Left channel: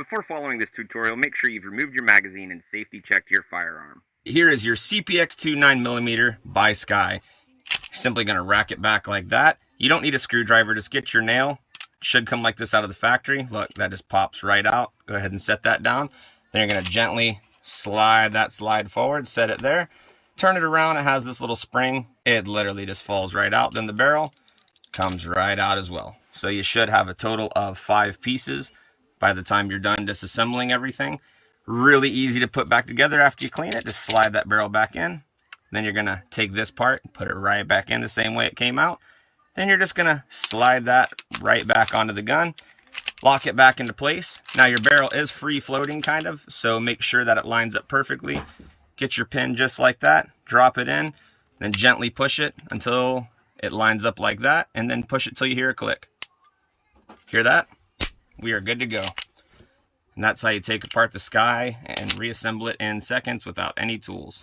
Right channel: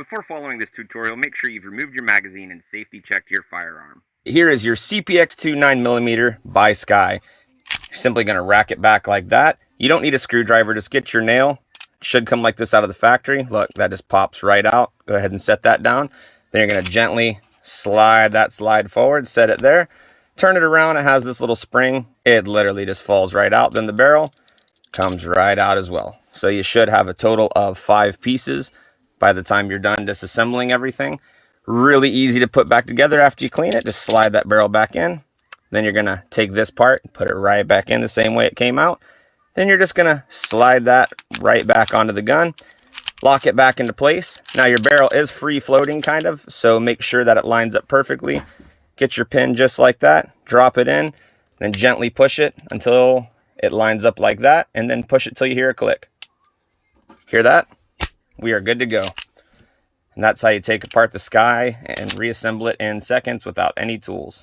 Before following this tutorial, make sure you've removed your magazine and safety checked your firearm. Here is your CPX-2 9mm by Sky. You're simply going to rack it back like that. You don't need a screwdriver, just get your nail. It should come like this out of the factory. Look, that just pops right out. Go ahead and set that down. Then you're going to gently slide that slide forward, set it there. Turn it around, it has this little spring. It literally just falls right out. Then the barrel comes right out as well. So you should have a total of 5 pieces by the time you're done disassembling everything. Really easy to put back together after you clean it. Just slide that barrel back in. Then you're gonna take this part, put it right back in the same way it came out. Then you're just gonna slide that right back onto the gun, lock it back into place. Now your barrel is free floating kind of, so make sure that it lines up perfectly. Get your pin just like that, drop it in, then gently push it until it lines up like that, and then push it till you hear a click. Hear that? We are good to go. And that's how you take apart the Sky and reassemble it in seconds without any tools.